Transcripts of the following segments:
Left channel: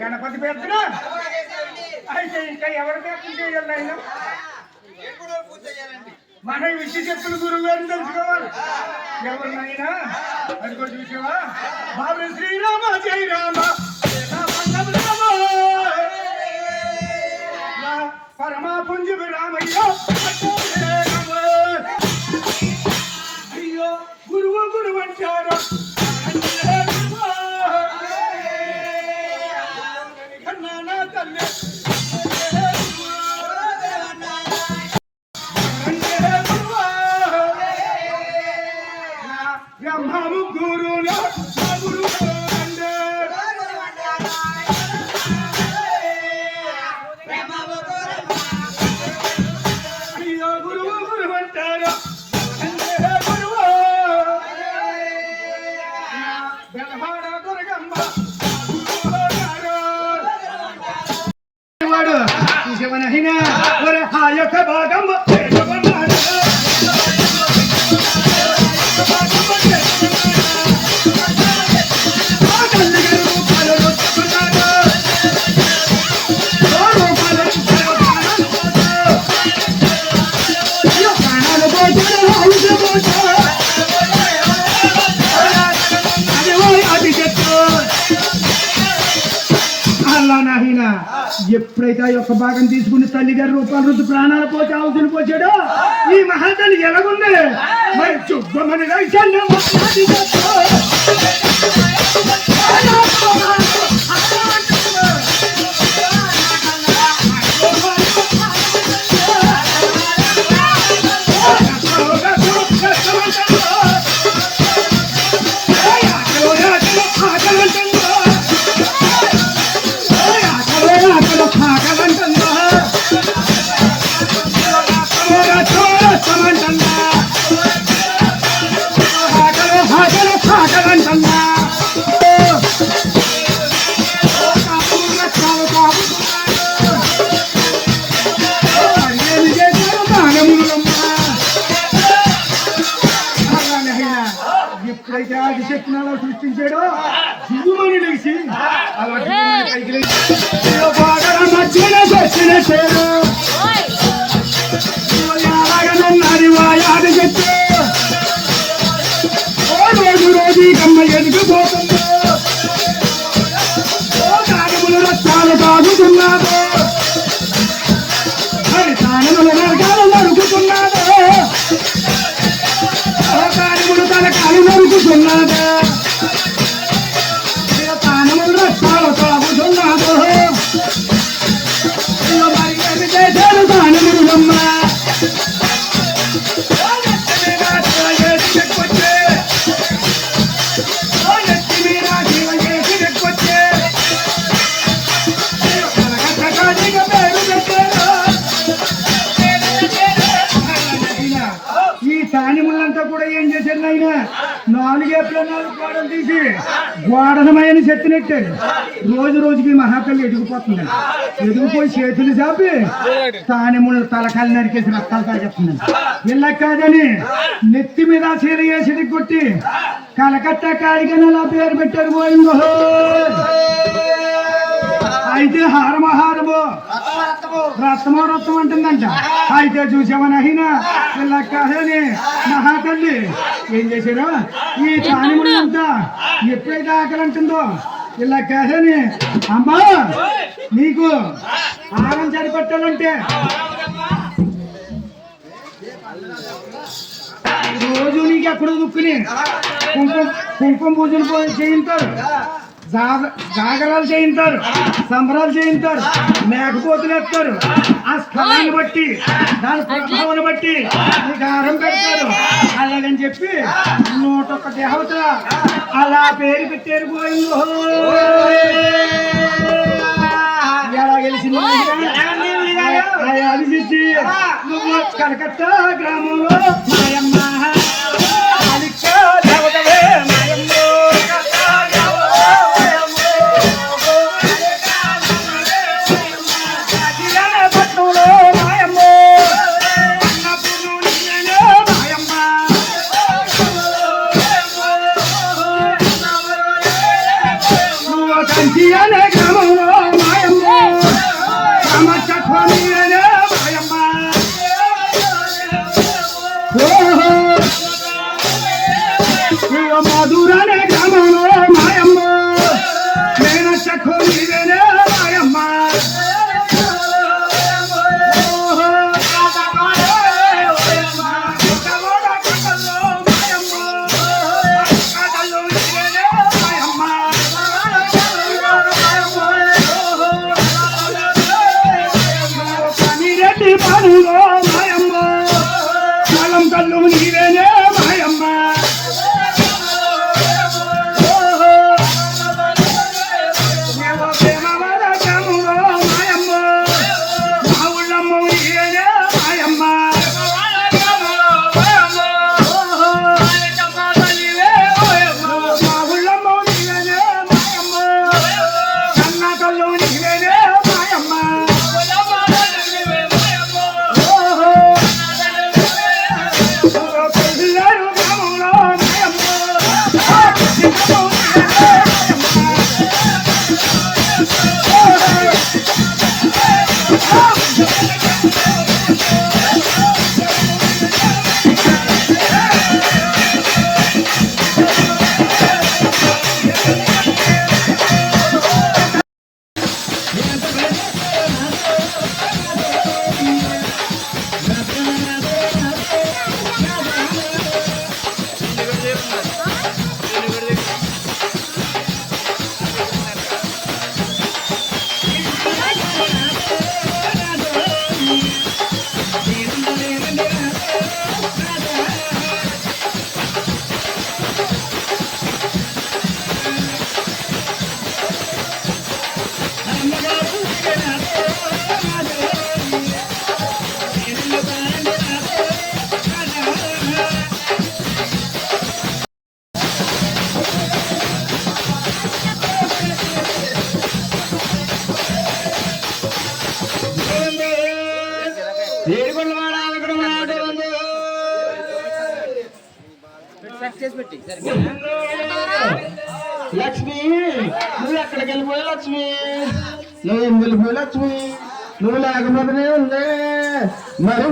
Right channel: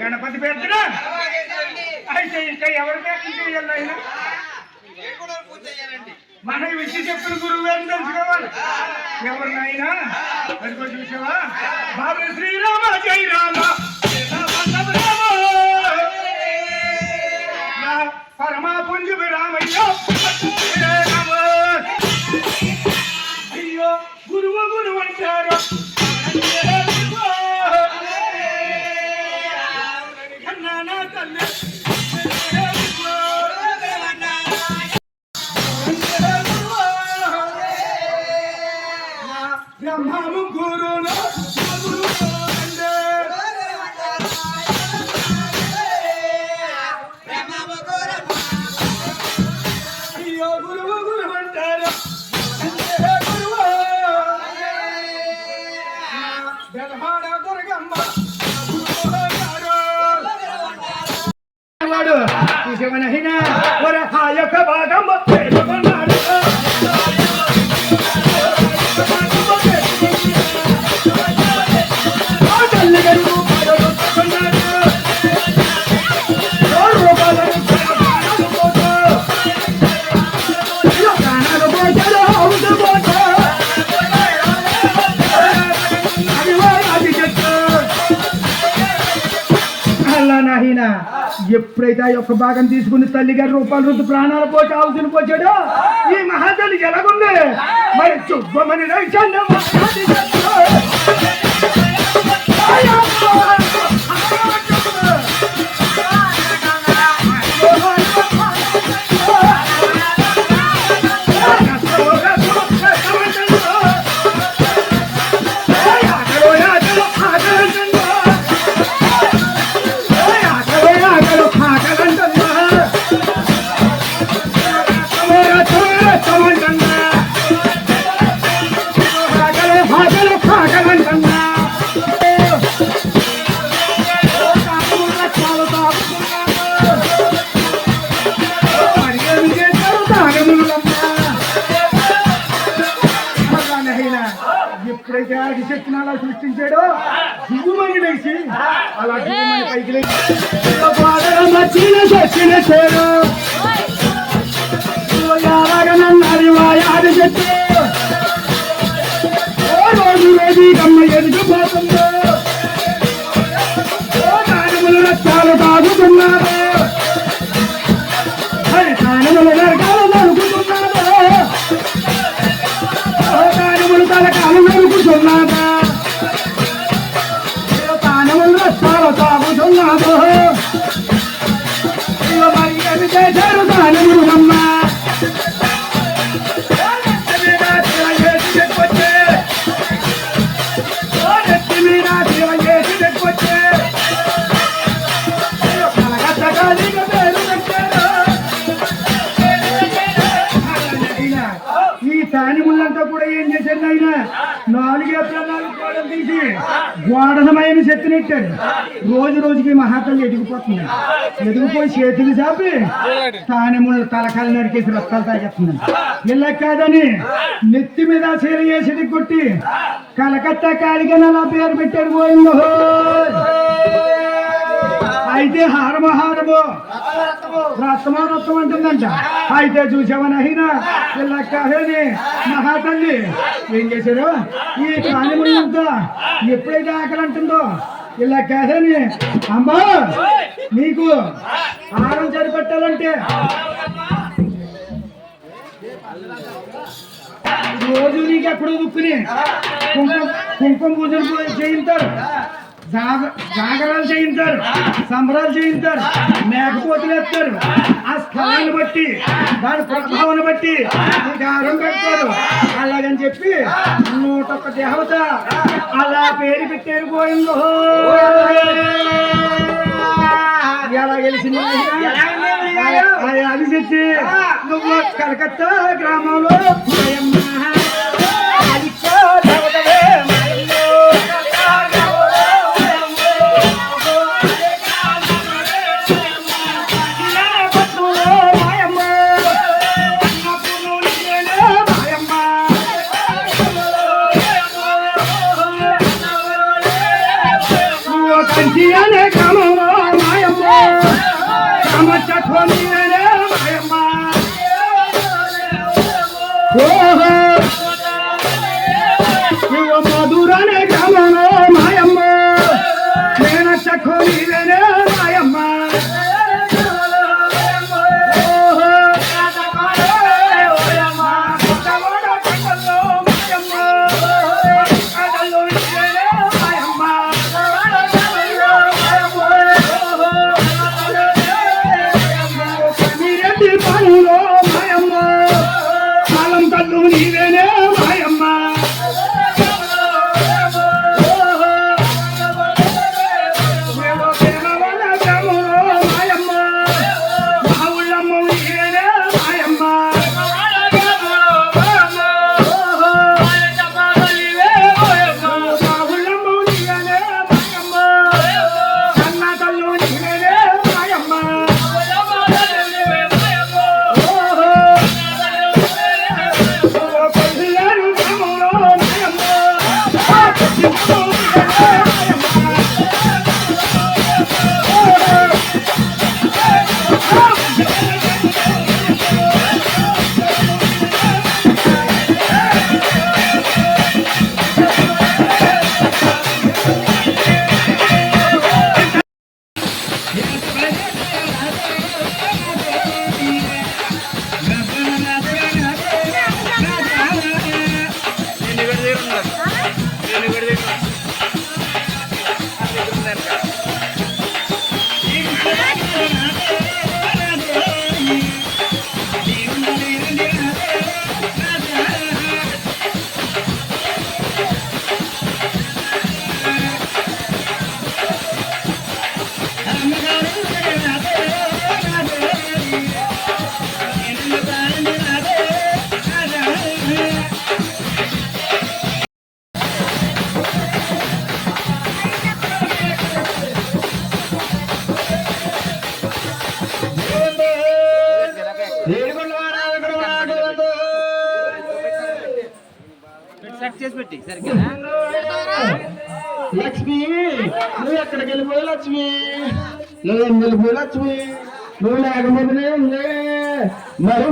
గణపతి పేర్చిన అయితే ఇంకా ఎవరి పేర్చన చేయాలి ఆయన మన విషయం చెప్పిన గురువు గారిని తెలుసుకోవాలి ఎవరినైనా అదిగో చూసావా బాబు శ్రీరామ జై రామ పరమా పుంజు రామయ్య అయ్యో గురువు గురువు అంటారు బ్రహ్మము గురువులో అయ్యో గురువు గురువు అంటారు బ్రహ్మాడ దుర్గమ్మ వాడు శివనహిన వరహాయక భాగం ఎప్పుడైతే ఆ యొక్క భాగం తీసుకుని తల్లిగారి రూపాయల రుద్దు ప్రాణాలు పోతే ఆవుతులు పోసాడో ఈ మహాతల్లి ఎలాగుంది మరి చుబ్బమని ఎప్పుడైతే ఆదిశక్తిని అలా సృష్టించాడో దిగుమని లేచి అలా పైకి ఆదిశక్తి రోజు రోజు అమ్మ ఎదుగుపోతుందో దానిములు రక్తాలు తాగుతున్నారు దానిముల నరకాలు నరుకుతున్నారు దానిములు తలకాలు నరుకుతున్నారా దానములు రక్తాలు తాగుతున్నారు మరి ఏమి చేశారు దానిములు అమ్మ దానిములంతా కూడా ఏం చేశారు ఆయన 4 ఏప్రిల్ 4 గోడలు తీసి గోడనమయని చెత్తనెట్టాడు. రోజు రోజుకి మహాతల్లి ఎదిగిపోతుంది. ఎదిగిపోయి చేతులు చాపి దానిములు తలకాయలు నరికేసి రక్తాలు తాగేస్తుంది. ఇలా కాదని నెత్తి మీద చీర వేసి కొట్టి కలకత్తా కాళిగా అలా పేరు పెట్టారు. పోయిందో అయితే హారమహారమో రక్తమో రక్తం అంటుందంట. అయితే చూసామనైనా ఇలా కాదని మహాతల్లి ఏం చేశారు, ఈ దానిములంతా ఎప్పుడైతే ఆకలి అంటుందో ఇలా కాదని అమ్మా నీకు ఆహారం సరిపెట్టాలంటే రోజు నీకు ఎక్కడో దుక్కుని కుంకుమ కుంకుమ పూజలు చేయించారు, జాగరాలు చేయించారు, సంబరాలు చేయించారు, మేకపోతులు ఎత్తారు. ఆ స్థలాన్ని బట్టి దాని ప్రభావాన్ని బట్టి గారం పెడతారు. అలాగని చెప్పి 101 దేవత అలా పేరు పెట్టారు. పోయిందో ఎలా గెలిచింది అది తెచ్చి నువ్వు కలకత్తా గ్రామంలో మధురనే గ్రామంలో మాయమ్మ నేను చకోనివేనే మాయమ్మ కనిరెడ్డి పనులో మాయమ్మ కాలం కల్లు నీవేనే మాయమ్మ లక్ష్మి నువ్వు ఎక్కడికి వెళ్ళిపోయి లక్ష్మి, నువ్వేం వెళ్ళిపోయి లక్ష్మి, నువ్వు లేకపోతే ఉంది మరి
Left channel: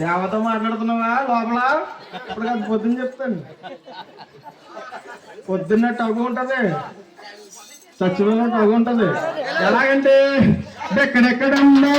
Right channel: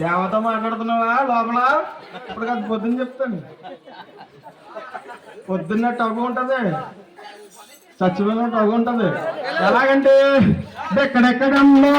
దేవత మాట్లాడుతున్నావా లోపల? ఇప్పుడు కాదు పొద్దున్న చెప్తాను. పొద్దున్న టగు ఉంటది, చచ్చిపోయినట్టు అగుంటది. ఎలాగంటే ఎక్కడెక్కడమ్మో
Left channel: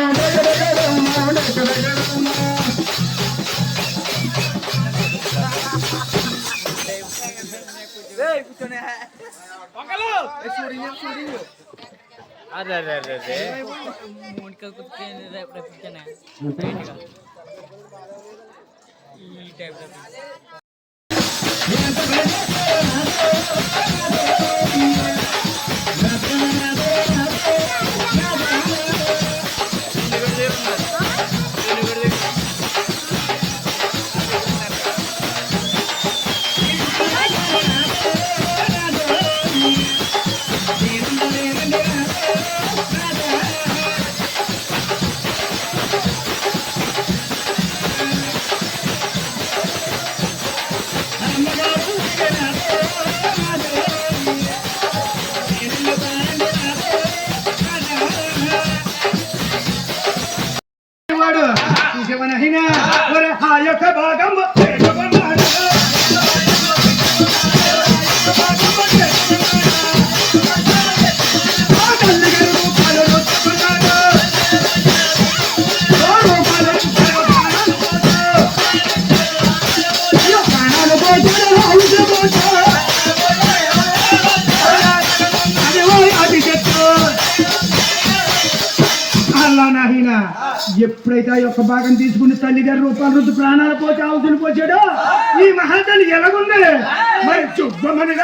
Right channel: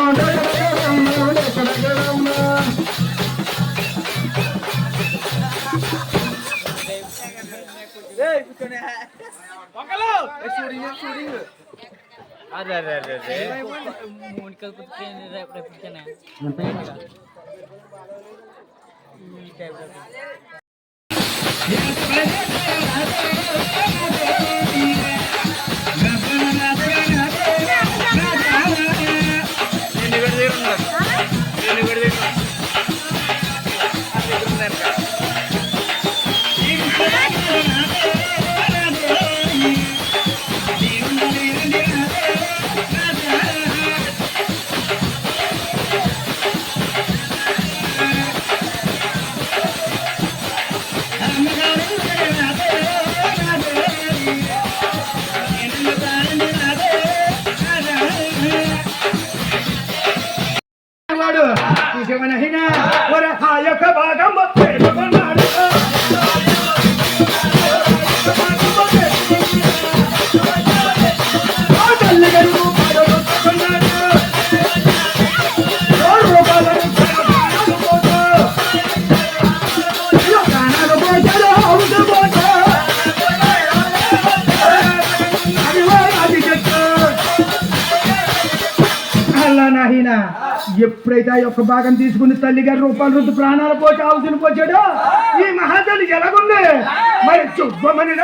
ఎప్పుడైతే ఆ యొక్క భాగం తీసుకుని తల్లిగారి రూపాయలు రుద్దు ప్రాణాలు పోటీ ఆవుతుని పోచాడో ఈ మహాతల్లి ఎలాగుంది మరి చుబ్బమని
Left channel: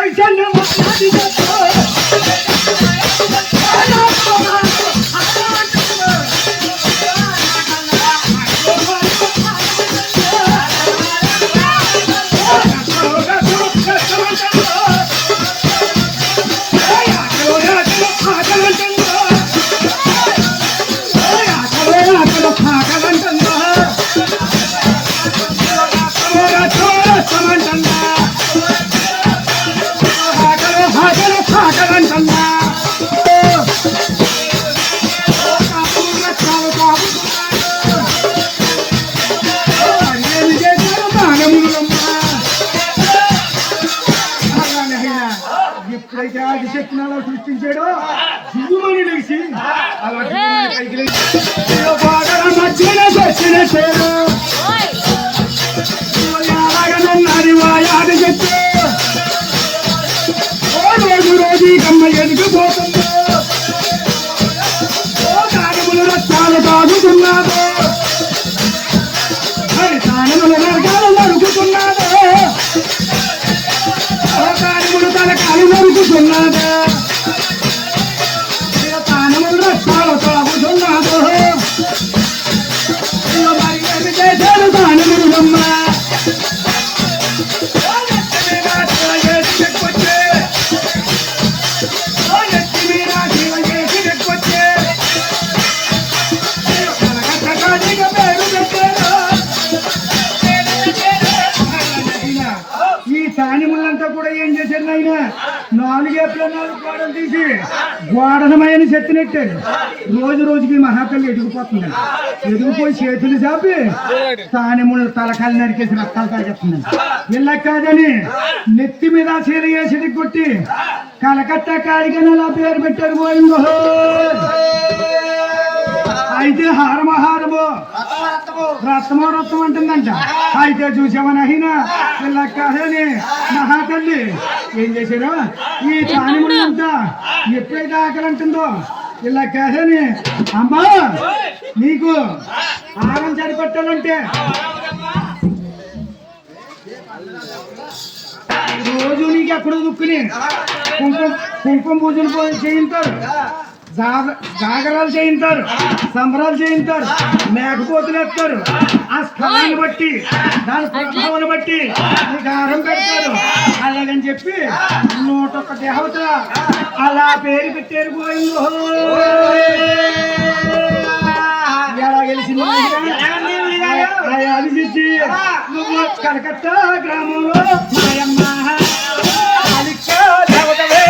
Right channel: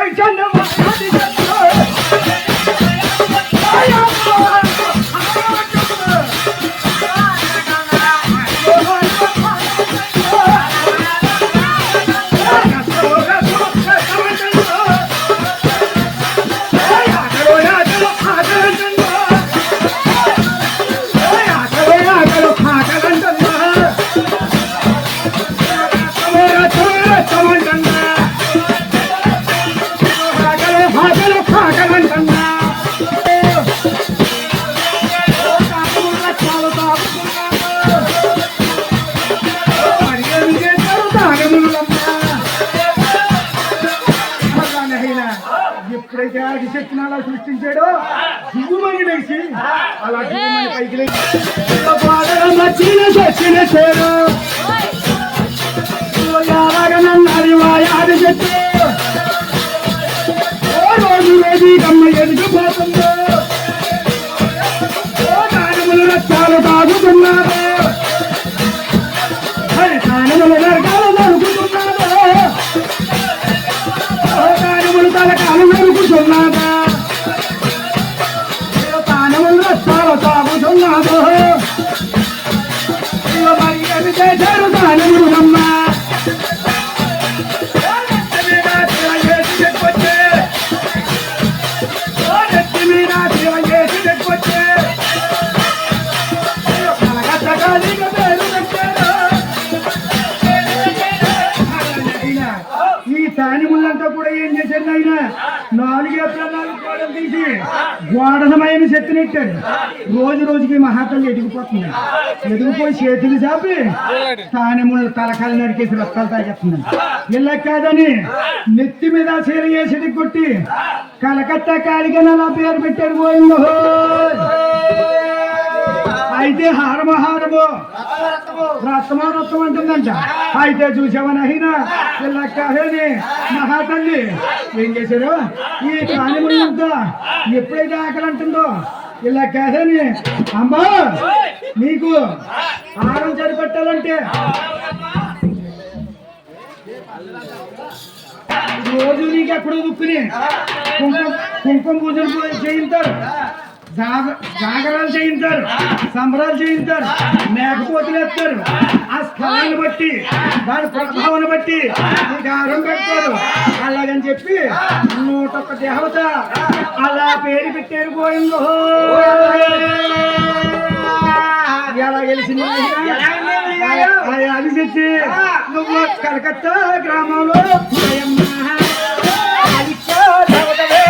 ఎప్పుడైతే ఆదిశక్తిని అలా సృష్టించాడో దిగుమని లేచి అలా పైకి ఆదిశక్తి రోజు రోజు అమ్మ ఎదిగిపోతుందో దానిములు రక్తాలు తాగుతున్నారు దానిములు నరకాలు నరుకుతున్నారు దానిములు తలకాలు నరుకుతున్నాదా దానిములు రక్తాలు తాగుతున్నాడు మరి ఏమి చేశాడు దానిములు అమ్మ దానిములంతా కూడా ఏం చేశారు ఆయన 4 ఏప్ల 4 గోడలు తీసి గోడనమయని చెత్తనెట్టారు. రోజు రోజుకి మహాతల్లి ఎదిగిపోతున్నాడు. ఎదిగిపోయి చేతులు చాపి దానిములు తలకాలు నరికేసి రక్తాలు తాగేస్తున్నాడు. ఇలా కాదని నెత్తి మీద చీర వేసి కొట్టి కలకత్తా కాళికనలా పేరు పెట్టారు. పోయిందో అయితే హారమహారము రత్నమో రత్నం అంటుందంట. అయితే చూసామని అయినా ఇలా కాదని మహాతల్లి ఏం చేశారు ఈ దానిములంతా ఎప్పుడైతే ఆకలి అంటుందో ఇలా కాదని అమ్మా నీకు ఆహారం సరిపెట్టాలంటే రోజు నీకు ఎక్కడో దుక్కుని కుంకుమ పూజలు చేయించారు, జాగరాలు చేయించారు, సంబరాలు చేయించారు, మేకపోతులు ఎత్తారు. ఆ స్థలాన్ని బట్టి దాని ప్రభావాన్ని బట్టి గారం పెడతారు. అలాగని చెప్పి 101 దేవత అలా పేరు పెట్టారు. పోయిందో ఎలా గెలిచింది అది తెచ్చి నువ్వు కలకత్తా గ్రామంలో దేవతవే